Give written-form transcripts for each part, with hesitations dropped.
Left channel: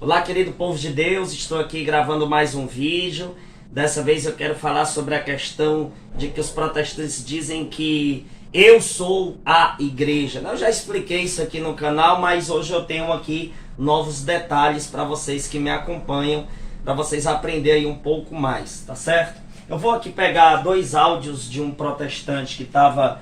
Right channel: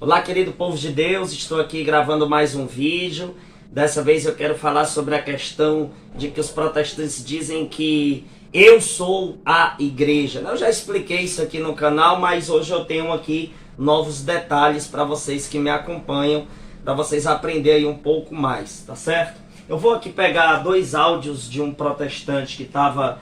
Olá, querido povo de Deus, estou aqui gravando mais um vídeo. Dessa vez eu quero falar sobre a questão de que os protestantes dizem que eu sou a igreja. Eu já expliquei isso aqui no canal, mas hoje eu tenho aqui novos detalhes para vocês que me acompanham, para vocês aprenderem um pouco mais, tá certo? Eu vou aqui pegar dois áudios de um protestante que estava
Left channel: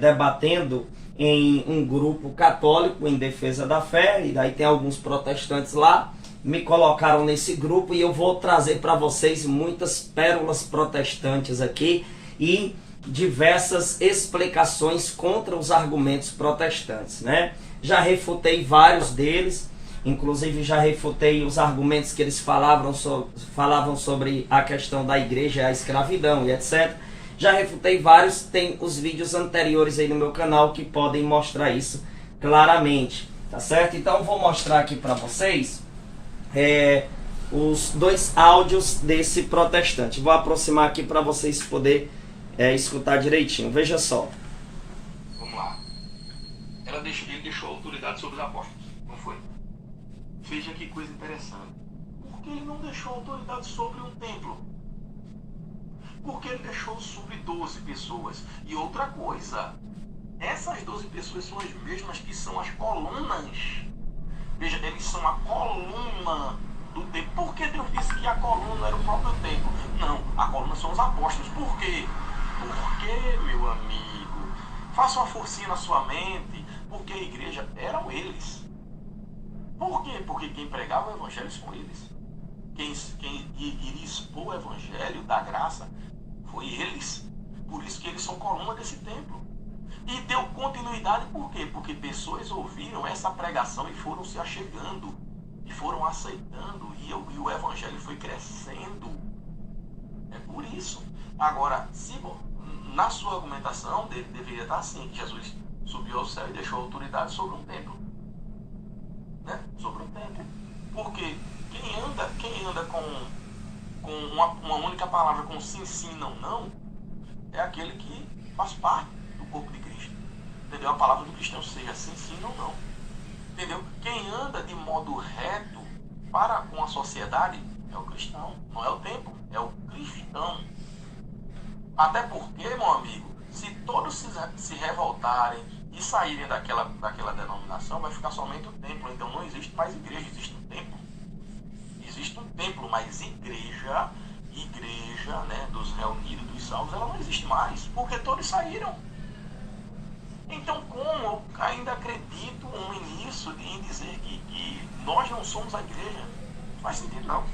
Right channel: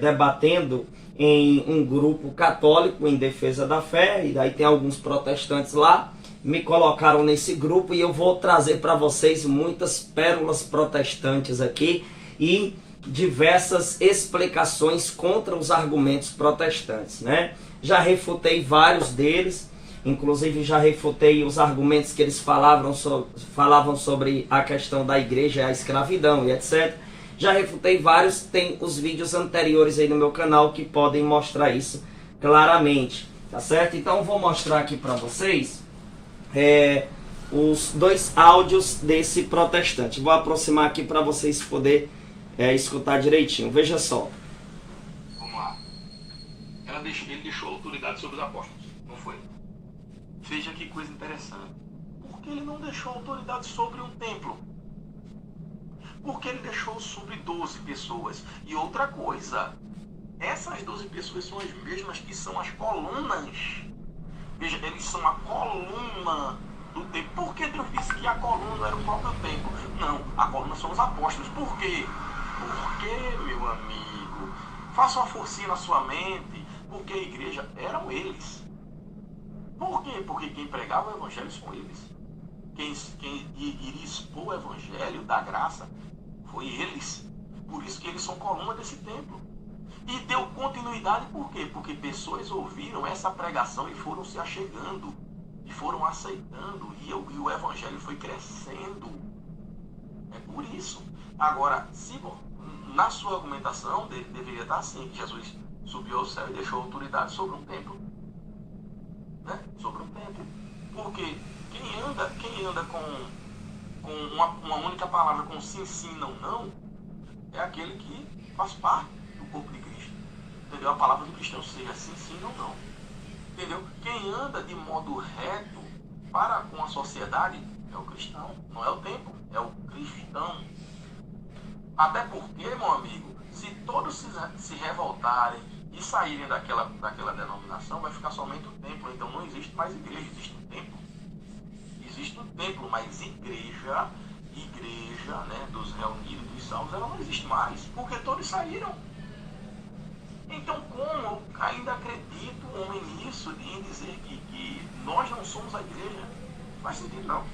debatendo em um grupo católico em defesa da fé, e daí tem alguns protestantes lá, me colocaram nesse grupo e eu vou trazer para vocês muitas pérolas protestantes aqui e diversas explicações contra os argumentos protestantes, né? Já refutei vários deles, inclusive já refutei os argumentos que eles falavam sobre a questão da igreja e a escravidão e etc. Já refutei vários, tem os vídeos anteriores aí no meu canal que podem mostrar isso claramente, tá certo? Então vou mostrar aqui para vocês os dois áudios desse protestante. Vou aproximar aqui para vocês poderem escutar direitinho. Veja só. Vamos lá. Ele deixou autoridade sobre os apóstolos, não foi? Veja que coisa interessante. Por que ele não deixou autoridade sobre um templo? Porque ele deixou sobre 12 pessoas. E outra coisa, essas 12 pessoas são as mesmas que são as colunas. Veja, eles são a coluna do templo. Por que Deus disse que a coluna era o próprio templo? Não, a coluna são os apóstolos. Por quê? Por quê, meu amigo? Faça uma forcinha na sua mente. Porque a igreja eram eles. Por quê? Porque quem pregava o evangelho são eles. Quem iria expor o evangelho da graça foi eles. Por isso que eles são coluna desse templo. E deu continuidade por quê? Porque pessoas ouviram essa pregação e foram se achegando. E foram aceitando. E o evangelho foi crescendo. É por isso. Agora, se na sua argumentação deveria estar assim, que Jesus subiu ao céu e deixou autoridade sobre um templo. Né? Sobre um templo. Porque quem anda com uma única palavra, com sim, não, é aquele que faz parte do corpo de Cristo. Entendeu? A palavra do cristão seja sim, não. Entendeu? Quem anda de modo reto para com a sociedade é o cristão, não é o templo, é o cristão. Até porque, meu amigo, se todos se revoltarem e saírem daquela denominação, vai ficar somente o templo. Então não existe mais igreja, existe um templo. Existe um templo, mas igreja, né, dos reunidos, dos salvos, ela não existe mais, porque todos saíram. Então, como eu ainda acredito nisso, em dizer que nós não somos a igreja? Não faz sentido, não.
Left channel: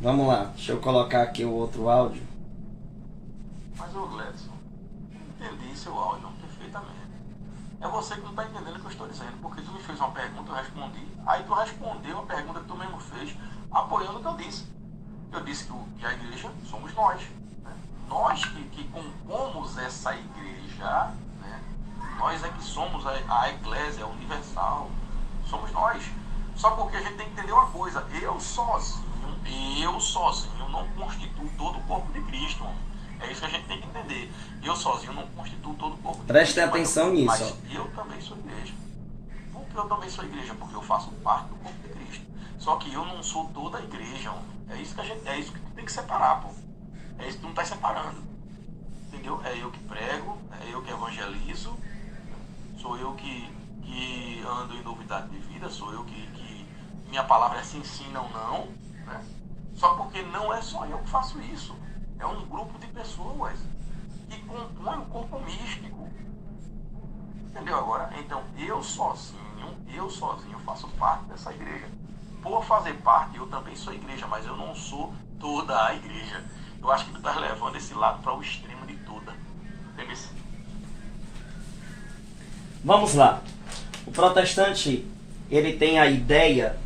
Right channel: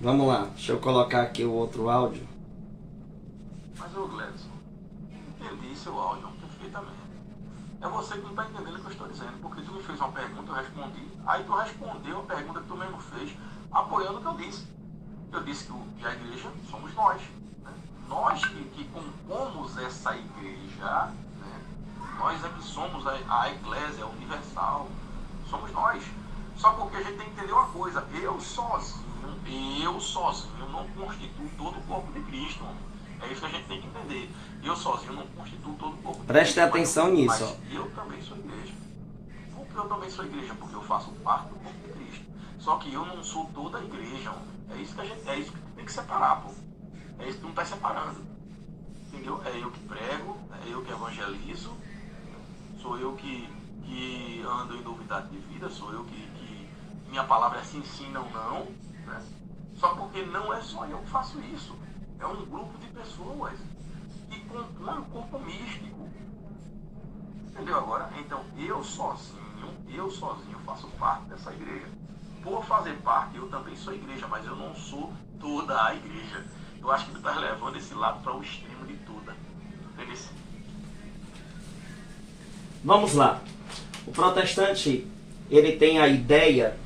Vamos lá, deixa eu colocar aqui o outro áudio. Mas, ô Gledson, entendi seu áudio perfeitamente. É você que não está entendendo o que eu estou dizendo, porque tu me fez uma pergunta, eu respondi, aí tu respondeu a pergunta que tu mesmo fez, apoiando o que eu disse. Eu disse que a igreja somos nós. Né? Nós que compomos essa igreja, né? Nós é que somos a eclésia universal, somos nós. Só porque a gente tem que entender uma coisa, eu sozinho não constituo todo o corpo de Cristo, mano. É isso que a gente tem que entender. Eu sozinho não constituo todo o corpo de Cristo. Preste atenção nisso. Mas eu também sou igreja. Por que eu também sou igreja? Porque eu faço parte do corpo de Cristo. Só que eu não sou toda a igreja. É isso que tem que separar, pô. É isso que não está separando. Entendeu? É eu que prego, é eu que evangelizo, sou eu que ando em novidade de vida, sou eu que minha palavra é sim, não, né? Só porque não é só eu que faço isso. É um grupo de pessoas que compõem o corpo místico. Entendeu agora? Então, eu sozinho faço parte dessa igreja. Por fazer parte, eu também sou igreja, mas eu não sou toda a igreja. Eu acho que tu está levando esse lado para o extremo de toda. Entendeu? Vamos lá. O protestante, ele tem a ideia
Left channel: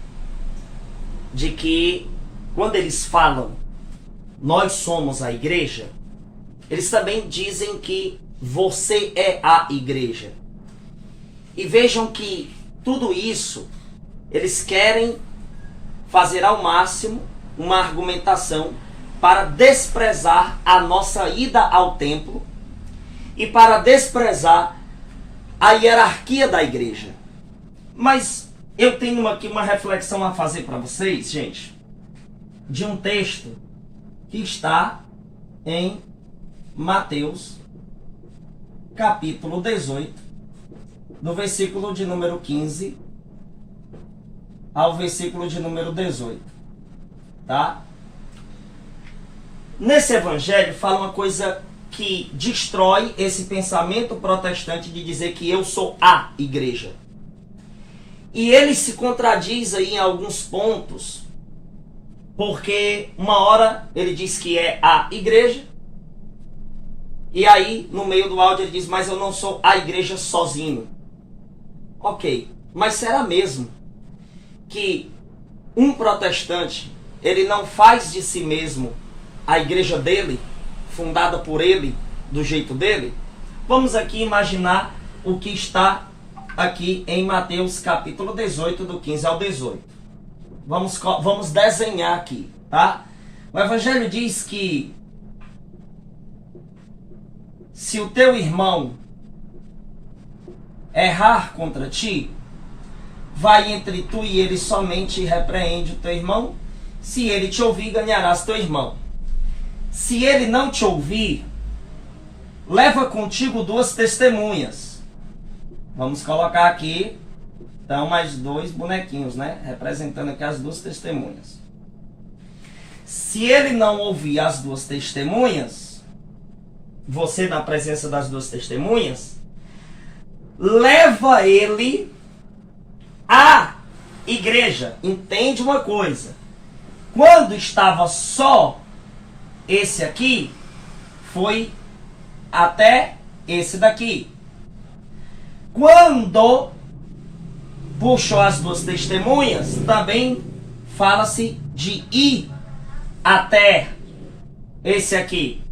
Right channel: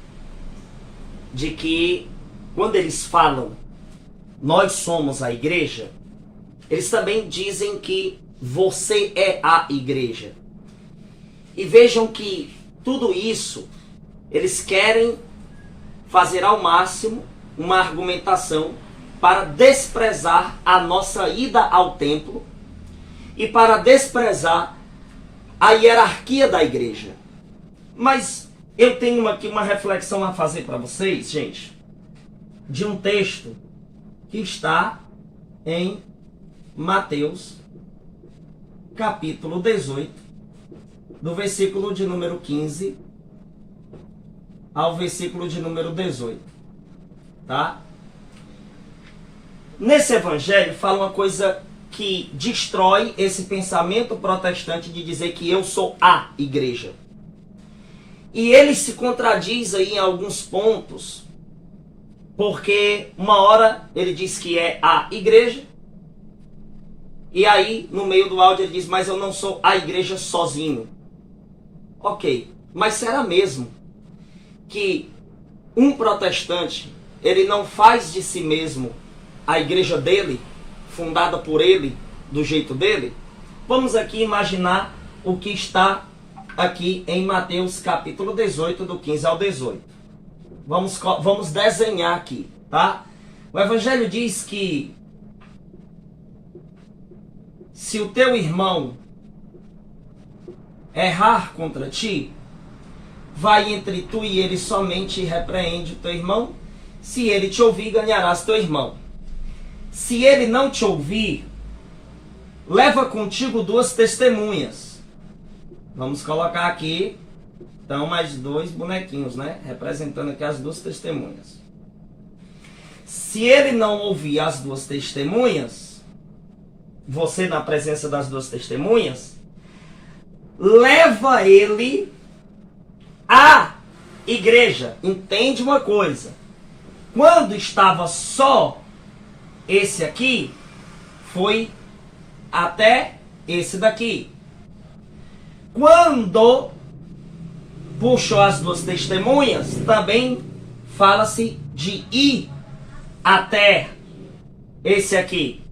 de que quando eles falam nós somos a igreja, eles também dizem que você é a igreja. E vejam que tudo isso, eles querem fazer ao máximo uma argumentação para desprezar a nossa ida ao templo e para desprezar a hierarquia da igreja. Mas eu tenho aqui uma reflexão a fazer para vocês, gente, de um texto que está em Mateus, capítulo 18, do versículo de número 15 ao versículo de número 18, tá? Nesse evangelho fala uma coisa que destrói esse pensamento protestante de dizer que eu sou a igreja. E ele se contradiz aí em alguns pontos, porque uma hora ele diz que é a igreja, e aí no meio do áudio ele diz, mas eu não sou a igreja sozinho. Ok, mas será mesmo que um protestante, ele não faz de si mesmo a igreja dele, fundada por ele, do jeito dele? Vamos aqui imaginar o que está aqui em Mateus capítulo 18, do 15 ao 18. Vamos desenhar aqui, tá? O evangelho diz que se o teu irmão errar contra ti, vai entre tu e ele somente e repreende o teu irmão. Se ele te ouvir, ganharás teu irmão. Se ele não te ouvir, leva contigo 2 testemunhas. Vamos colocar aqui, então, mais 2 bonequinhos, né? Representando aqui as 2 testemunhas. Se ele não ouvir as 2 testemunhas, você na presença das 2 testemunhas, leva ele à igreja. Entende uma coisa? Quando estava só esse aqui, foi até esse daqui. Quando puxou as 2 testemunhas, também fala-se de ir até esse aqui.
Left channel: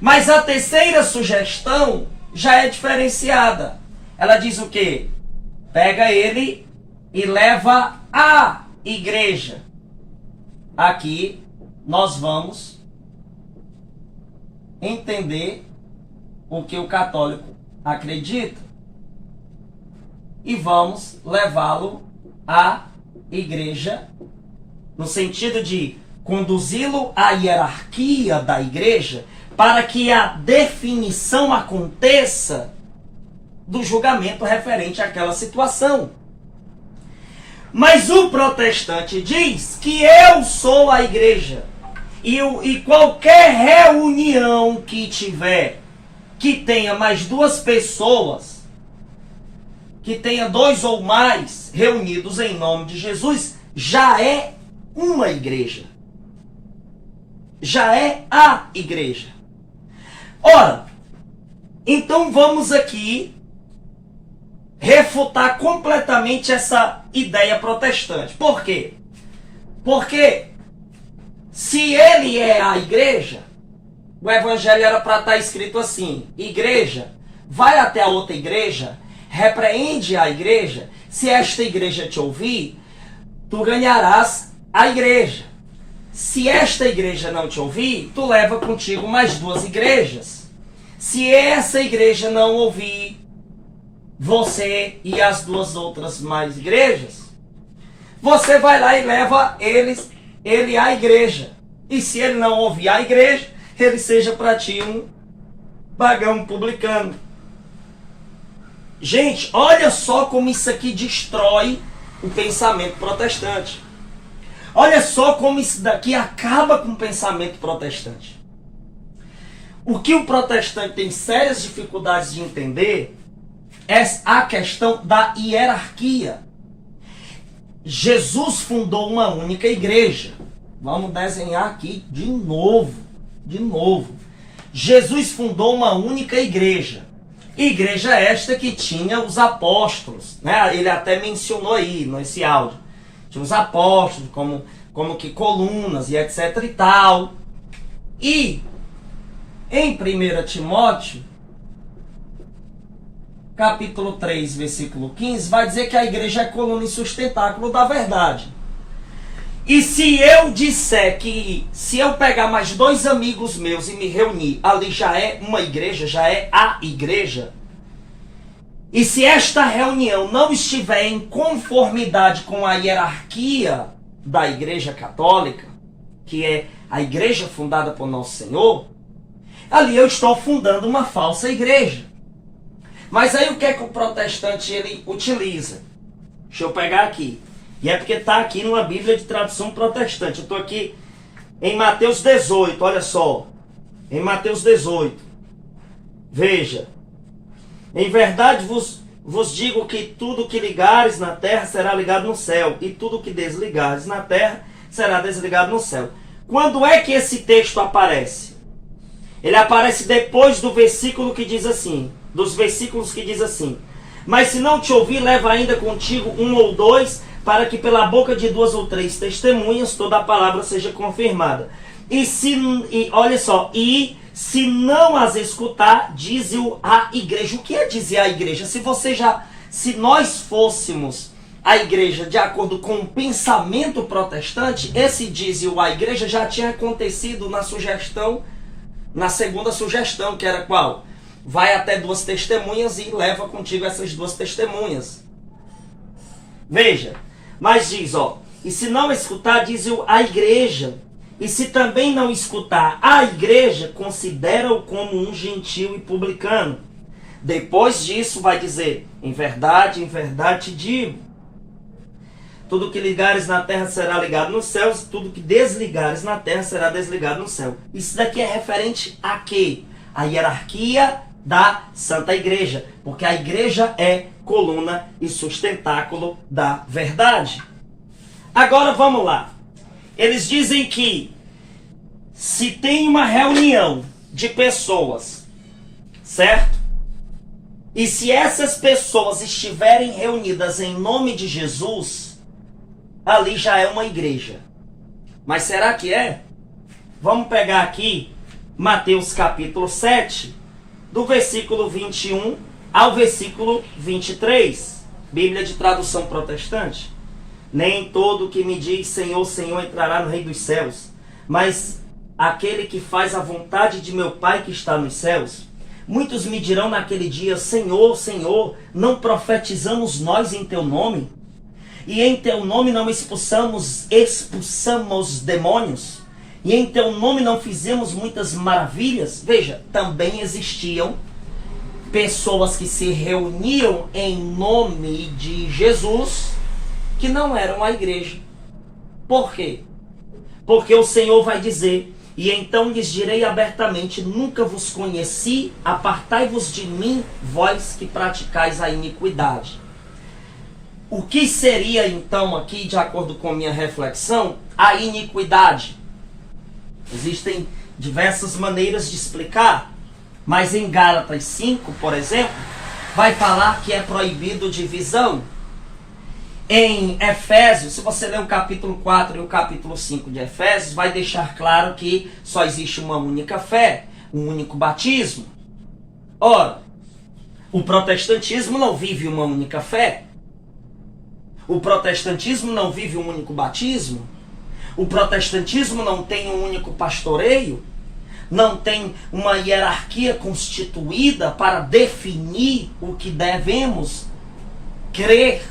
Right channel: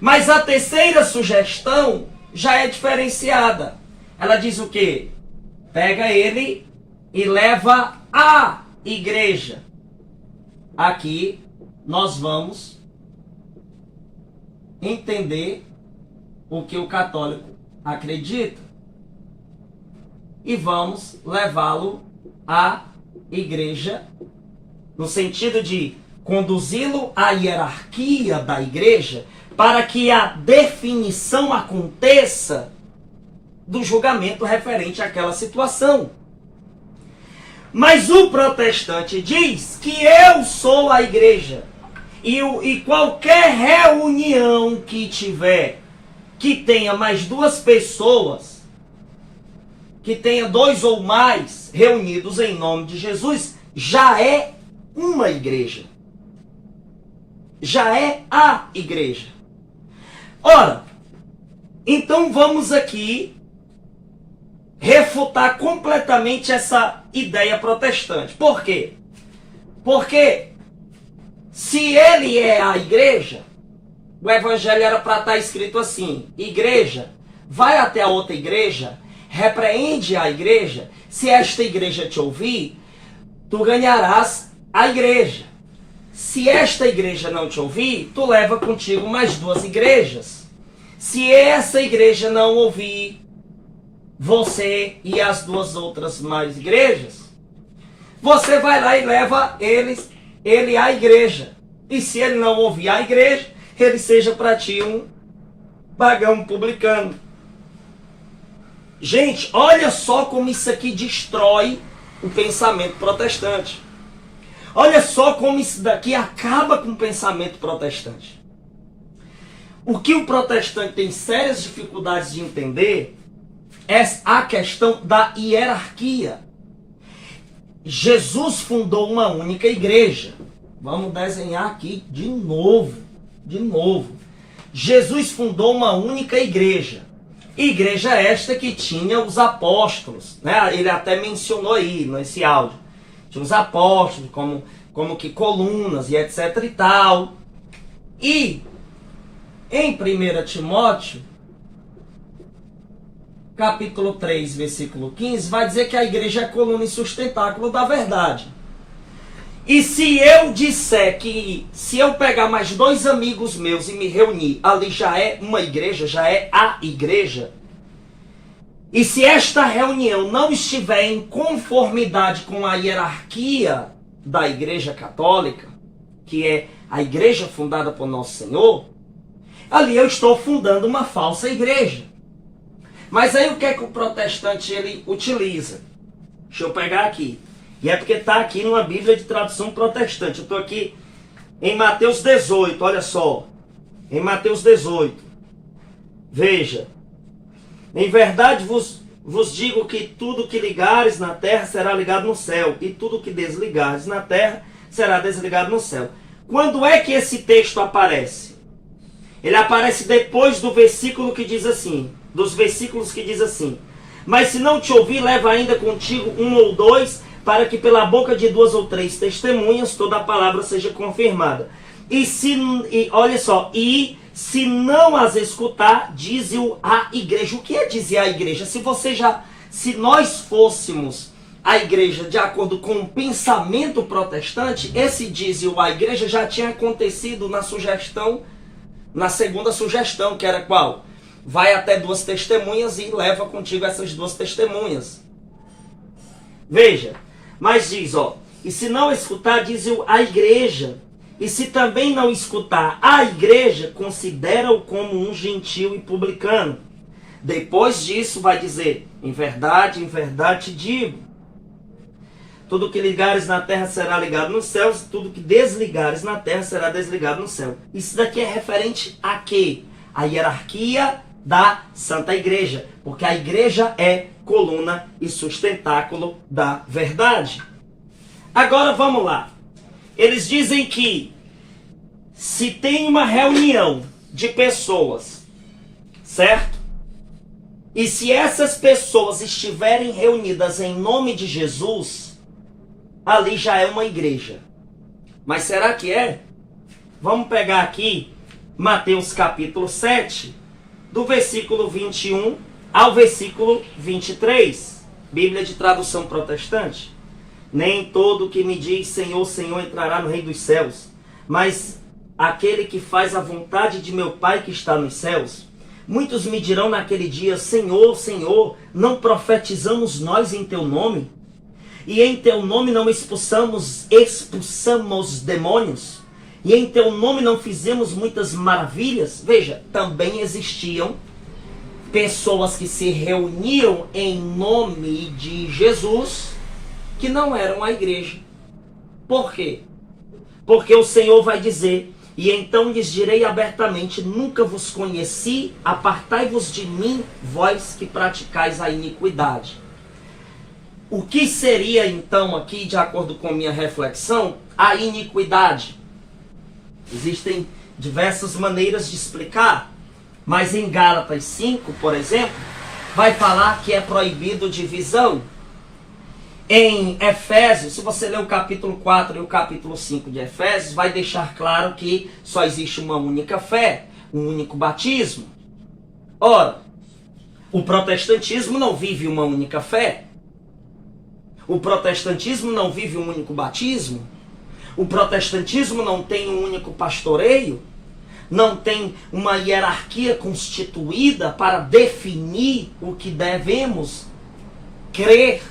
Mas a terceira sugestão já é diferenciada. Ela diz o quê? Pega ele e leva à igreja. Aqui nós vamos entender o que o católico acredita e vamos levá-lo à igreja, no sentido de conduzi-lo à hierarquia da igreja, para que a definição aconteça do julgamento referente àquela situação. Mas o protestante diz que eu sou a igreja. E qualquer reunião que tiver, que tenha mais 2 pessoas, que tenha 2 ou mais reunidos em nome de Jesus, já é uma igreja. Já é a igreja. Ora, então vamos aqui refutar completamente essa ideia protestante. Por quê? Porque se ele é a igreja, o evangelho era para estar escrito assim: igreja, vai até a outra igreja, repreende a igreja, se esta igreja te ouvir, tu ganharás a igreja. Se esta igreja não te ouvir, tu leva contigo mais 2 igrejas. Se essa igreja não ouvir você e as 2 outras mais igrejas, você vai lá e leva ele à igreja. E se ele não ouvir a igreja, ele seja para ti um pagão publicano. Gente, olha só como isso aqui destrói o pensamento protestante. Olha só como isso daqui acaba com o pensamento protestante. O que o protestante tem sérias dificuldades de entender é a questão da hierarquia. Jesus fundou uma única igreja. Vamos desenhar aqui de novo. Jesus fundou uma única igreja. Igreja esta que tinha os apóstolos, né? Ele até mencionou aí nesse áudio. Tinha os apóstolos como que colunas e etc e tal. E em 1 Timóteo, capítulo 3, versículo 15, vai dizer que a igreja é coluna e sustentáculo da verdade. E se eu disser que, se eu pegar mais 2 amigos meus e me reunir, ali já é uma igreja, já é a igreja, E se esta reunião não estiver em conformidade com a hierarquia da Igreja Católica, que é a igreja fundada por Nosso Senhor, ali eu estou fundando uma falsa igreja. Mas aí o que é que o protestante ele utiliza? Deixa eu pegar aqui. E é porque está aqui numa Bíblia de tradução protestante. Eu estou aqui em Mateus 18, olha só. Em Mateus 18. Veja. Em verdade vos digo que tudo que ligares na terra será ligado no céu, e tudo que desligares na terra será desligado no céu. Quando é que esse texto aparece? Ele aparece depois do versículo que diz assim, dos versículos que diz assim: mas se não te ouvir, leva ainda contigo um ou dois, para que pela boca de duas ou três testemunhas toda a palavra seja confirmada. Olha só, e se não as escutar, dize-o à igreja. O que é dizer à igreja? Se nós fôssemos a igreja de acordo com o pensamento protestante, esse dize-o à igreja já tinha acontecido na segunda sugestão, que era qual? Vai até duas testemunhas e leva contigo essas duas testemunhas. Veja, mas diz, e se não escutar, diz-o à igreja. E se também não escutar a igreja, considera-o como um gentio e publicano. Depois disso vai dizer: em verdade te digo, tudo que ligares na terra será ligado nos céus, tudo que desligares na terra será desligado no céu. Isso daqui é referente a quê? A hierarquia da Santa Igreja, porque a igreja é coluna e sustentáculo da verdade. Agora vamos lá. Eles dizem que se tem uma reunião de pessoas, certo? E se essas pessoas estiverem reunidas em nome de Jesus, ali já é uma igreja. Mas será que é? Vamos pegar aqui Mateus capítulo 7, do versículo 21 ao versículo 23. Bíblia de tradução protestante. Nem todo que me diz Senhor, Senhor entrará no reino dos céus, mas aquele que faz a vontade de meu Pai que está nos céus. Muitos me dirão naquele dia: Senhor, Senhor, não profetizamos nós em teu nome? E em teu nome não expulsamos demônios? E em teu nome não fizemos muitas maravilhas? Veja, também existiam pessoas que se reuniam em nome de Jesus, que não eram a igreja. Por quê? Porque o Senhor vai dizer: e então lhes direi abertamente, nunca vos conheci, apartai-vos de mim, vós que praticais a iniquidade. O que seria então aqui, de acordo com minha reflexão, a iniquidade? Existem diversas maneiras de explicar, mas em Gálatas 5, por exemplo, vai falar que é proibido divisão. Em Efésios, se você ler o capítulo 4 e o capítulo 5 de Efésios, vai deixar claro que só existe uma única fé, um único batismo. Ora, o protestantismo não vive uma única fé. O protestantismo não vive um único batismo. O protestantismo não tem um único pastoreio. Não tem uma hierarquia constituída para definir o que devemos crer.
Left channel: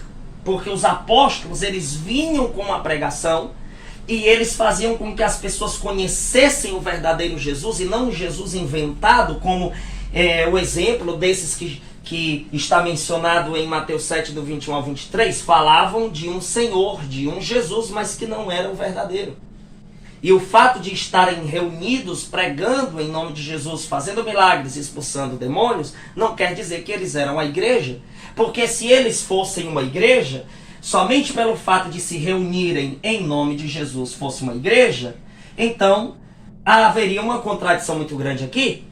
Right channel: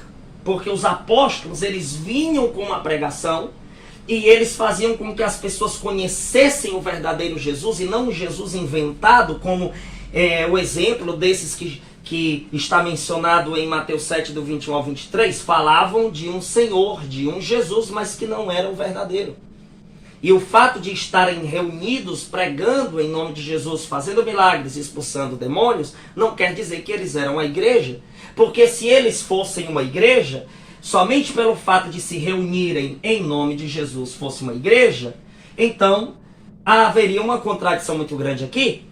Porque os apóstolos, eles vinham com uma pregação e eles faziam com que as pessoas conhecessem o verdadeiro Jesus e não o Jesus inventado, como o exemplo desses que está mencionado em Mateus 7, do 21 ao 23, falavam de um Senhor, de um Jesus, mas que não era o verdadeiro. E o fato de estarem reunidos, pregando em nome de Jesus, fazendo milagres, expulsando demônios, não quer dizer que eles eram a igreja. Porque se eles fossem uma igreja, somente pelo fato de se reunirem em nome de Jesus fosse uma igreja, então haveria uma contradição muito grande aqui.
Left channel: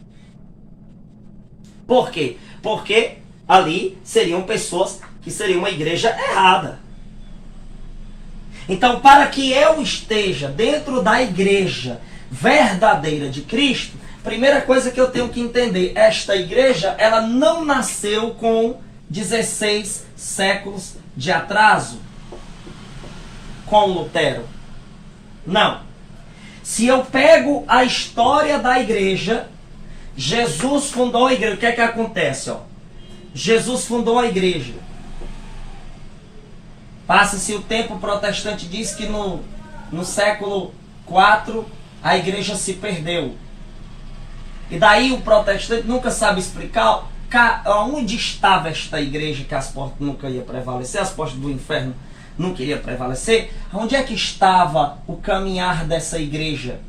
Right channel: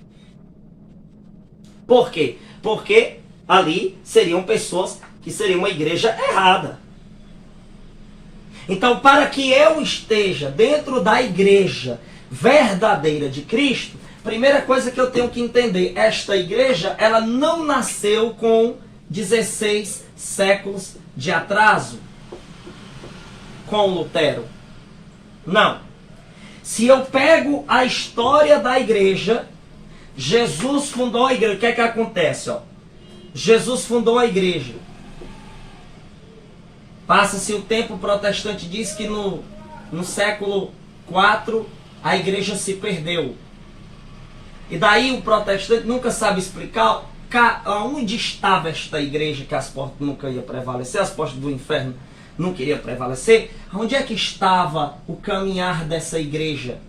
Por quê? Porque ali seriam pessoas que seriam uma igreja errada. Então, para que eu esteja dentro da igreja verdadeira de Cristo, primeira coisa que eu tenho que entender, esta igreja, ela não nasceu com 16 séculos de atraso com Lutero. Não. Se eu pego a história da igreja, Jesus fundou a igreja. O que é que acontece? Jesus fundou a igreja. Passa-se o tempo, o protestante diz que no século IV a igreja se perdeu. E daí o protestante nunca sabe explicar onde estava esta igreja, que as portas nunca iam prevalecer, as portas do inferno nunca iriam prevalecer. Onde é que estava o caminhar dessa igreja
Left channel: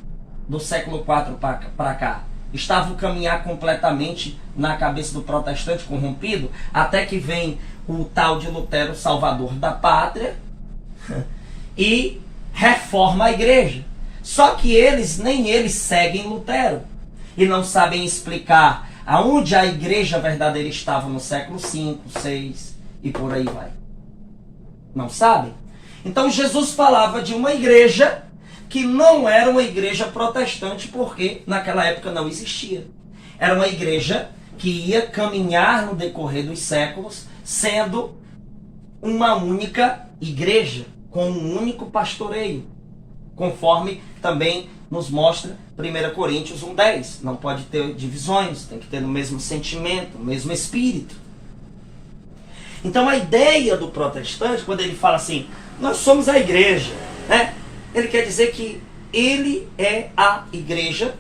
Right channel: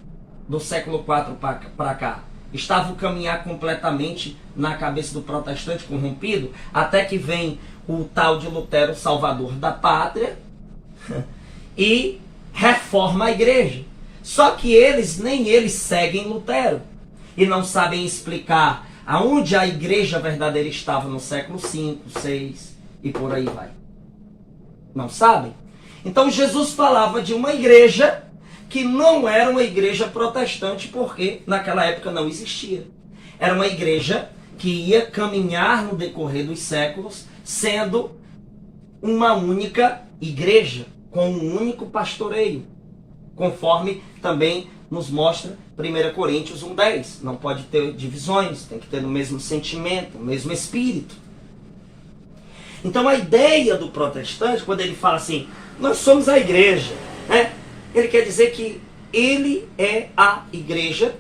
do século IV para cá? Estava o caminhar completamente na cabeça do protestante corrompido, até que vem o tal de Lutero, salvador da pátria, e reforma a igreja. Só que nem eles seguem Lutero e não sabem explicar aonde a igreja verdadeira estava no século V, VI e por aí vai. Não sabem? Então Jesus falava de uma igreja que não era uma igreja protestante, porque naquela época não existia. Era uma igreja que ia caminhar no decorrer dos séculos, sendo uma única igreja, com um único pastoreio, conforme também nos mostra 1 Coríntios 1:10. Não pode ter divisões, tem que ter o mesmo sentimento, o mesmo espírito. Então a ideia do protestante, quando ele fala assim, nós somos a igreja, né? Ele quer dizer que ele é a igreja,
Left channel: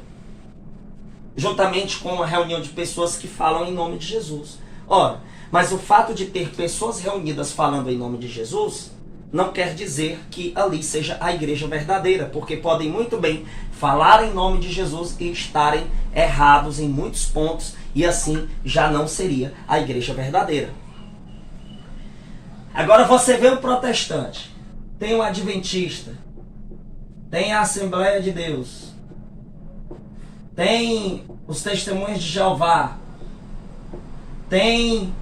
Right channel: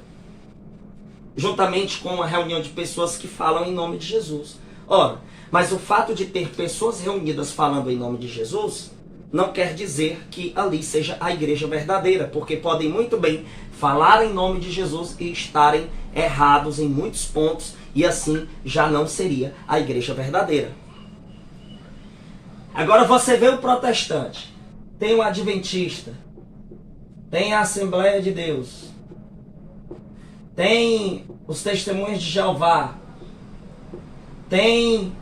juntamente com uma reunião de pessoas que falam em nome de Jesus. Ora, mas o fato de ter pessoas reunidas falando em nome de Jesus não quer dizer que ali seja a igreja verdadeira, porque podem muito bem falar em nome de Jesus e estarem errados em muitos pontos, e assim já não seria a igreja verdadeira. Agora você vê o protestante, tem o adventista, tem a Assembleia de Deus, tem os Testemunhos de Jeová, tem...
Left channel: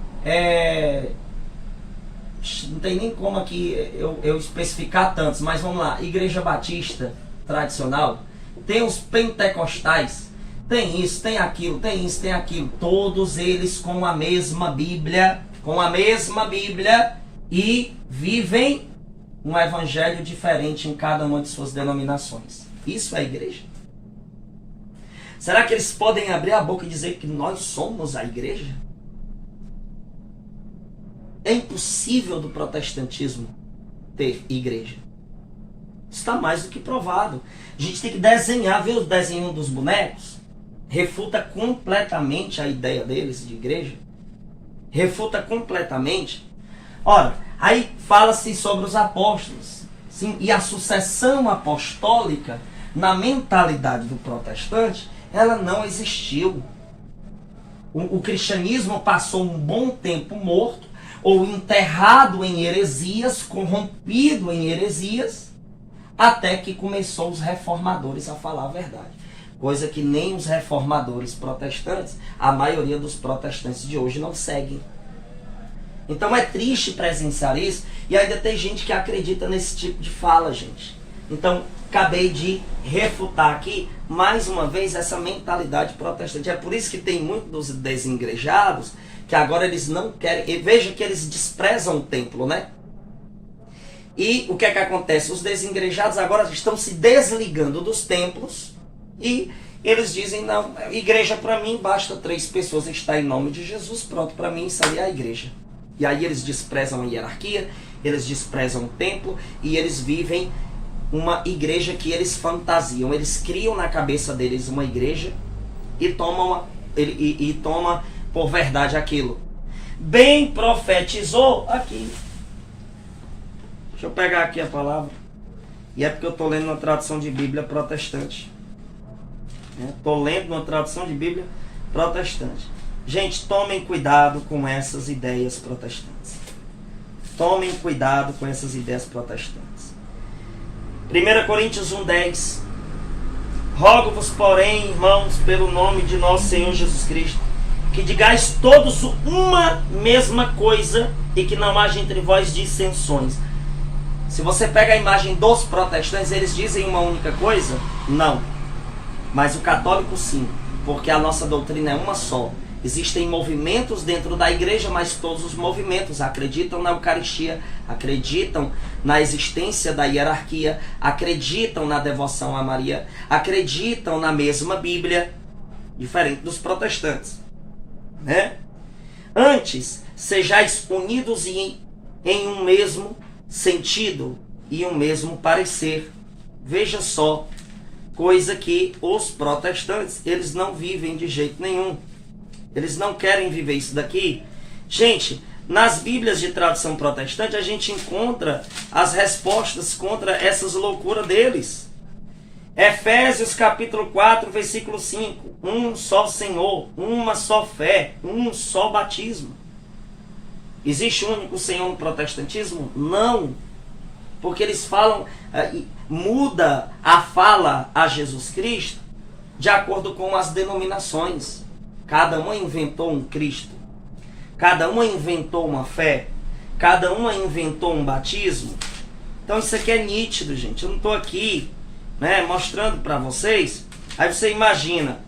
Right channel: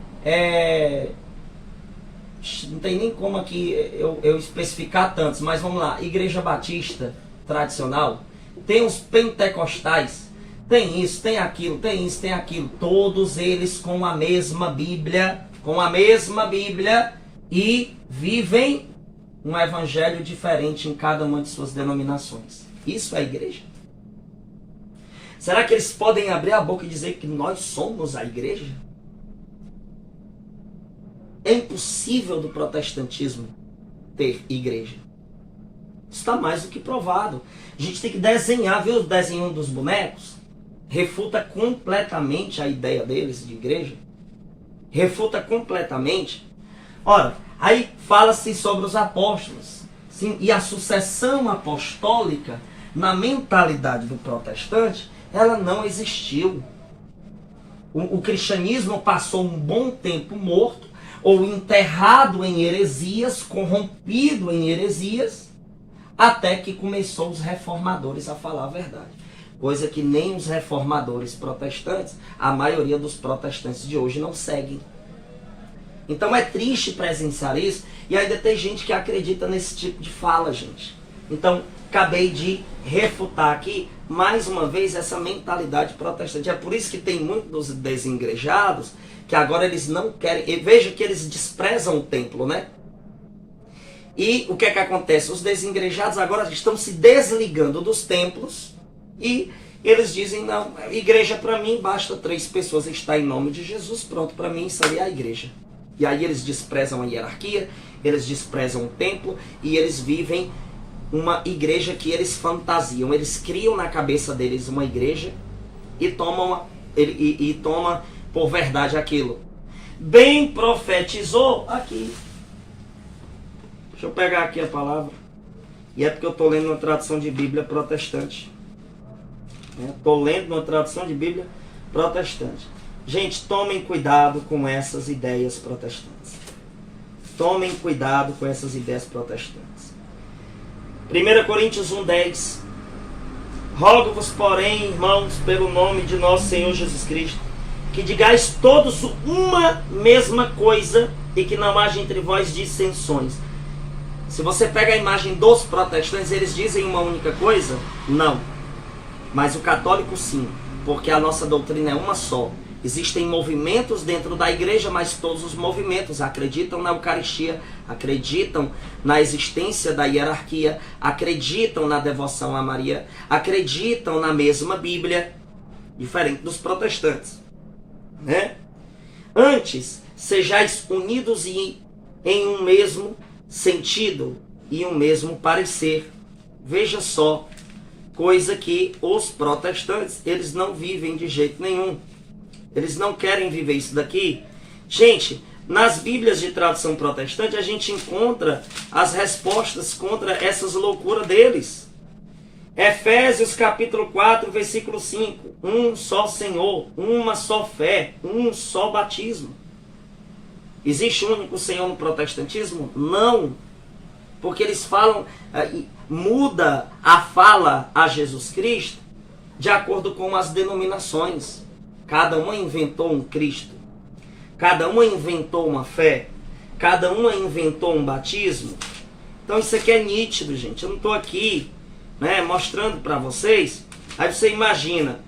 não tem nem como aqui eu especificar tantos, mas vamos lá. Igreja Batista tradicional, tem os pentecostais, tem isso, tem aquilo, tem isso, tem aquilo. Todos eles com a mesma Bíblia, e vivem um evangelho diferente em cada uma de suas denominações. Isso é a igreja? Será que eles podem abrir a boca e dizer que nós somos a igreja? É impossível do protestantismo ter igreja. Está mais do que provado. A gente tem que desenhar, ver os desenhos dos bonecos, refuta completamente a ideia deles de igreja. Refuta completamente. Ora, aí fala-se sobre os apóstolos. Sim, e a sucessão apostólica, na mentalidade do protestante, ela não existiu. O cristianismo passou um bom tempo morto, ou enterrado em heresias, corrompido em heresias, até que começou os reformadores a falar a verdade. Coisa que nem os reformadores protestantes, a maioria dos protestantes de hoje não seguem. Então é triste presenciar isso, e ainda tem gente que acredita nesse tipo de fala, gente. Então, acabei de refutar aqui, mais uma vez, essa mentalidade protestante. É por isso que tem muitos dos desigrejados que agora eles não querem... E veja que eles desprezam o templo, né? E o que é que acontece? Os desigrejados agora estão se desligando dos templos e eles dizem, não, igreja para mim basta 3 pessoas, está em nome de Jesus, pronto, para mim isso aí é a igreja. E aí eles desprezam a hierarquia, eles desprezam o templo e eles vivem uma igreja que eles fantasiam. Eles criam na cabeça deles uma igreja e tomam por verdade aquilo. Bem profetizou aqui. Deixa eu pegar aqui a palavra. E é porque eu estou lendo uma tradução de Bíblia protestante. Estou lendo uma tradução de Bíblia protestante. Gente, tomem cuidado com essas ideias protestantes. Tomem cuidado com essas ideias protestantes. 1 Coríntios 1:10. Rogo-vos, porém, irmãos, pelo nome de nosso Senhor Jesus Cristo, que digais todos uma mesma coisa e que não haja entre vós dissensões. Se você pega a imagem dos protestantes, eles dizem uma única coisa? Não. Mas o católico sim, porque a nossa doutrina é uma só. Existem movimentos dentro da igreja, mas todos os movimentos acreditam na Eucaristia, acreditam na existência da hierarquia, acreditam na devoção a Maria, acreditam na mesma Bíblia, diferente dos protestantes, né? Antes, sejais unidos em um mesmo sentido e um mesmo parecer. Veja só, coisa que os protestantes, eles não vivem de jeito nenhum. Eles não querem viver isso daqui. Gente, nas Bíblias de tradução protestante, a gente encontra as respostas contra essas loucuras deles. Efésios capítulo 4, versículo 5. Um só Senhor, uma só fé, um só batismo. Existe um único Senhor no protestantismo? Não. Porque eles falam, muda a fala a Jesus Cristo de acordo com as denominações. Cada uma inventou um Cristo. Cada uma inventou uma fé. Cada uma inventou um batismo. Então isso aqui é nítido, gente. Eu não estou aqui, né, mostrando para vocês. Aí você imagina,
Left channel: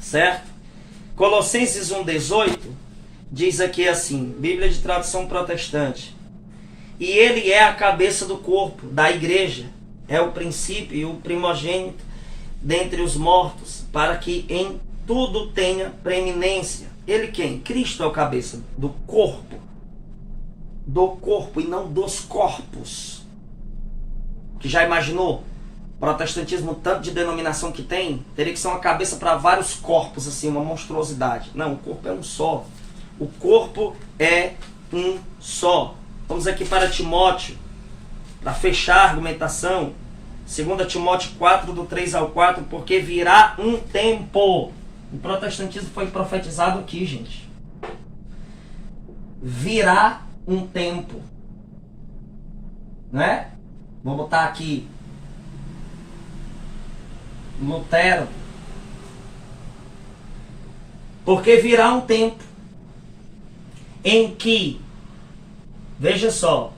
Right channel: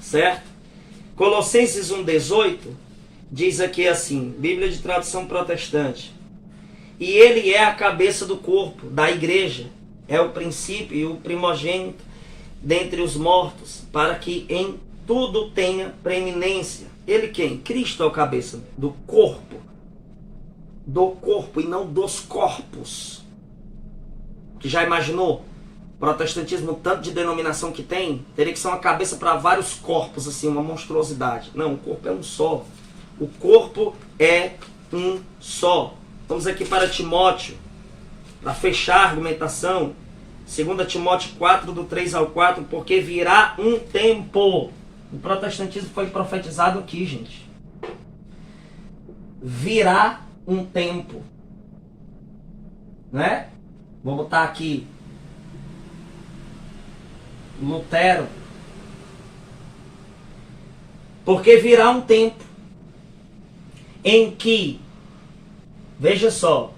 certo? Colossenses 1,18 diz aqui assim, Bíblia de tradução protestante. E ele é a cabeça do corpo, da igreja. É o princípio e o primogênito dentre os mortos, para que em tudo tenha preeminência. Ele quem? Cristo é o cabeça do corpo. Do corpo e não dos corpos. Que já imaginou? Protestantismo, tanto de denominação que tem, teria que ser uma cabeça para vários corpos, assim, uma monstruosidade. Não, o corpo é um só. O corpo é um só. Vamos aqui para Timóteo, para fechar a argumentação. 2 Timóteo 4, do 3 ao 4, porque virá um tempo. O protestantismo foi profetizado aqui, gente. Virá um tempo. Né? Vou botar aqui Lutero. Porque virá um tempo em que, veja só,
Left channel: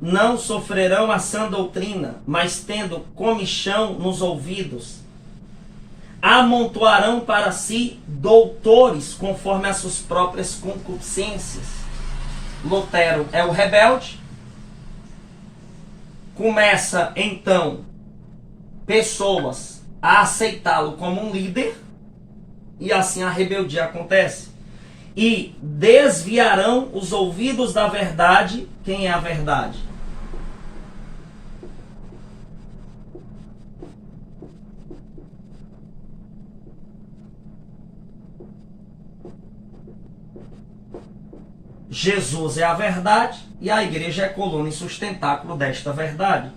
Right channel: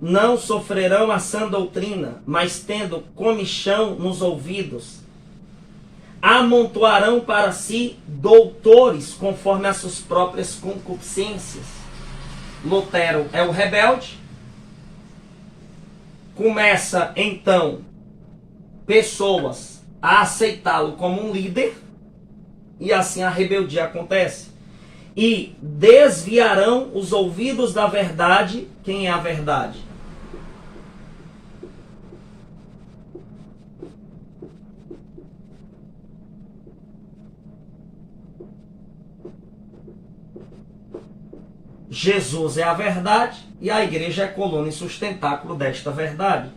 não sofrerão a sã doutrina, mas tendo comichão nos ouvidos, amontoarão para si doutores conforme as suas próprias concupiscências. Lutero é o rebelde. Começa então pessoas a aceitá-lo como um líder, e assim a rebeldia acontece. E desviarão os ouvidos da verdade. Quem é a verdade? Jesus é a verdade e a igreja é a coluna e sustentáculo desta verdade.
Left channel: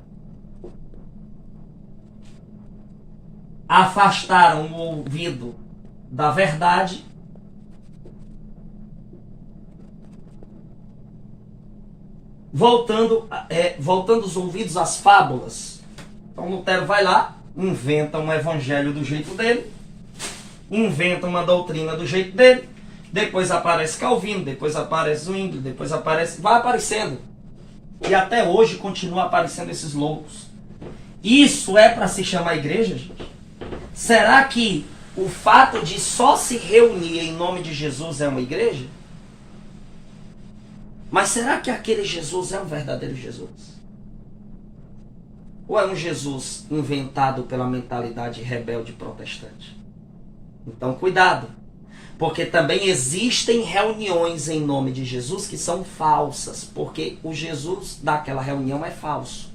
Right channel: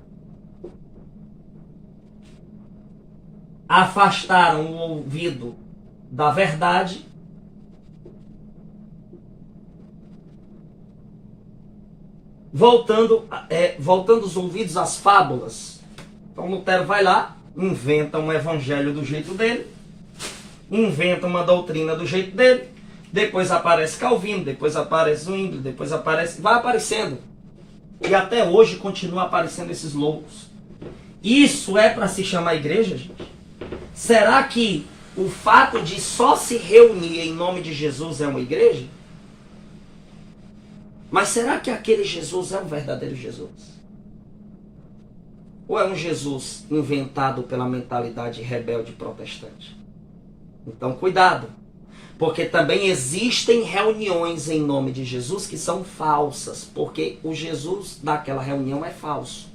Afastaram o ouvido da verdade, voltando os ouvidos às fábulas. Então Lutero vai lá, inventa um evangelho do jeito dele, inventa uma doutrina do jeito dele, depois aparece Calvino, depois aparece Zwingli, depois aparece... vai aparecendo. E até hoje continua aparecendo esses loucos. Isso é para se chamar igreja, gente? Será que o fato de só se reunir em nome de Jesus é uma igreja? Mas será que aquele Jesus é um verdadeiro Jesus? Ou é um Jesus inventado pela mentalidade rebelde protestante? Então cuidado, porque também existem reuniões em nome de Jesus que são falsas, porque o Jesus daquela reunião é falso.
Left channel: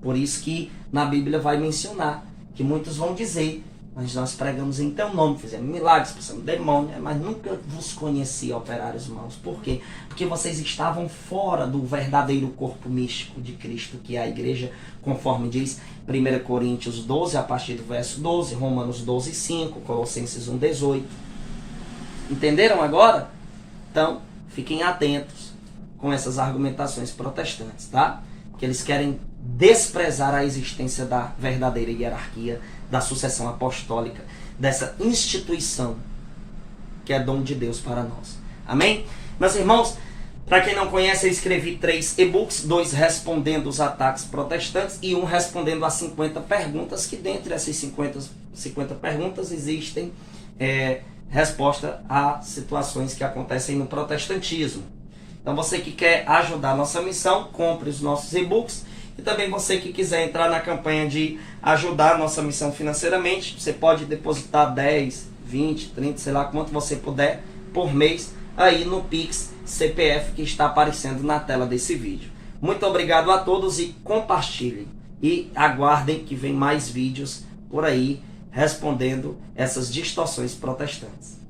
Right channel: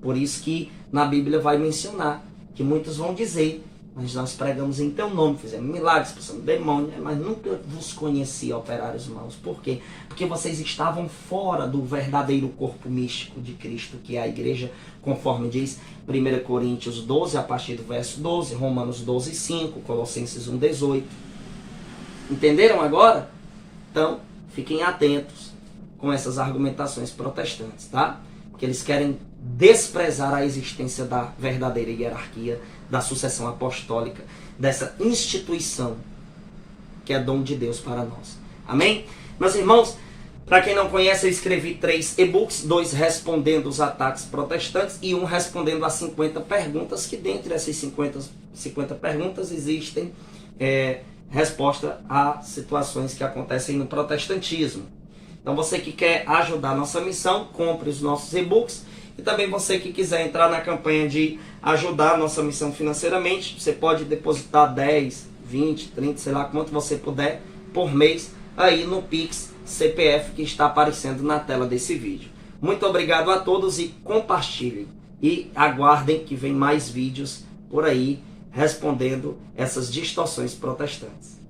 Por isso que na Bíblia vai mencionar que muitos vão dizer: mas nós pregamos em teu nome, fizemos milagres, expulsamos demônio, mas nunca vos conheci, operários maus. Por quê? Porque vocês estavam fora do verdadeiro corpo místico de Cristo, que é a igreja, conforme diz 1 Coríntios 12, a partir do verso 12, Romanos 12, 5, Colossenses 1, 18. Entenderam agora? Então, fiquem atentos com essas argumentações protestantes, tá? Porque eles querem desprezar a existência da verdadeira hierarquia, da sucessão apostólica, dessa instituição que é dom de Deus para nós. Amém? Meus irmãos, para quem não conhece, eu escrevi 3 e-books, 2 respondendo os ataques protestantes e 1 respondendo as 50 perguntas, que dentre essas 50 perguntas existem resposta a situações que acontecem no protestantismo. Então você que quer ajudar a nossa missão, compre os nossos e-books. E também você que quiser entrar na campanha de ajudar a nossa missão financeiramente, você pode depositar 10, 20, 30, sei lá quanto você puder por mês. aí no Pix CPF que está aparecendo na tela desse vídeo. Muito obrigado a todos e compartilhem. E aguardem que vem mais vídeos por aí respondendo essas distorções protestantes.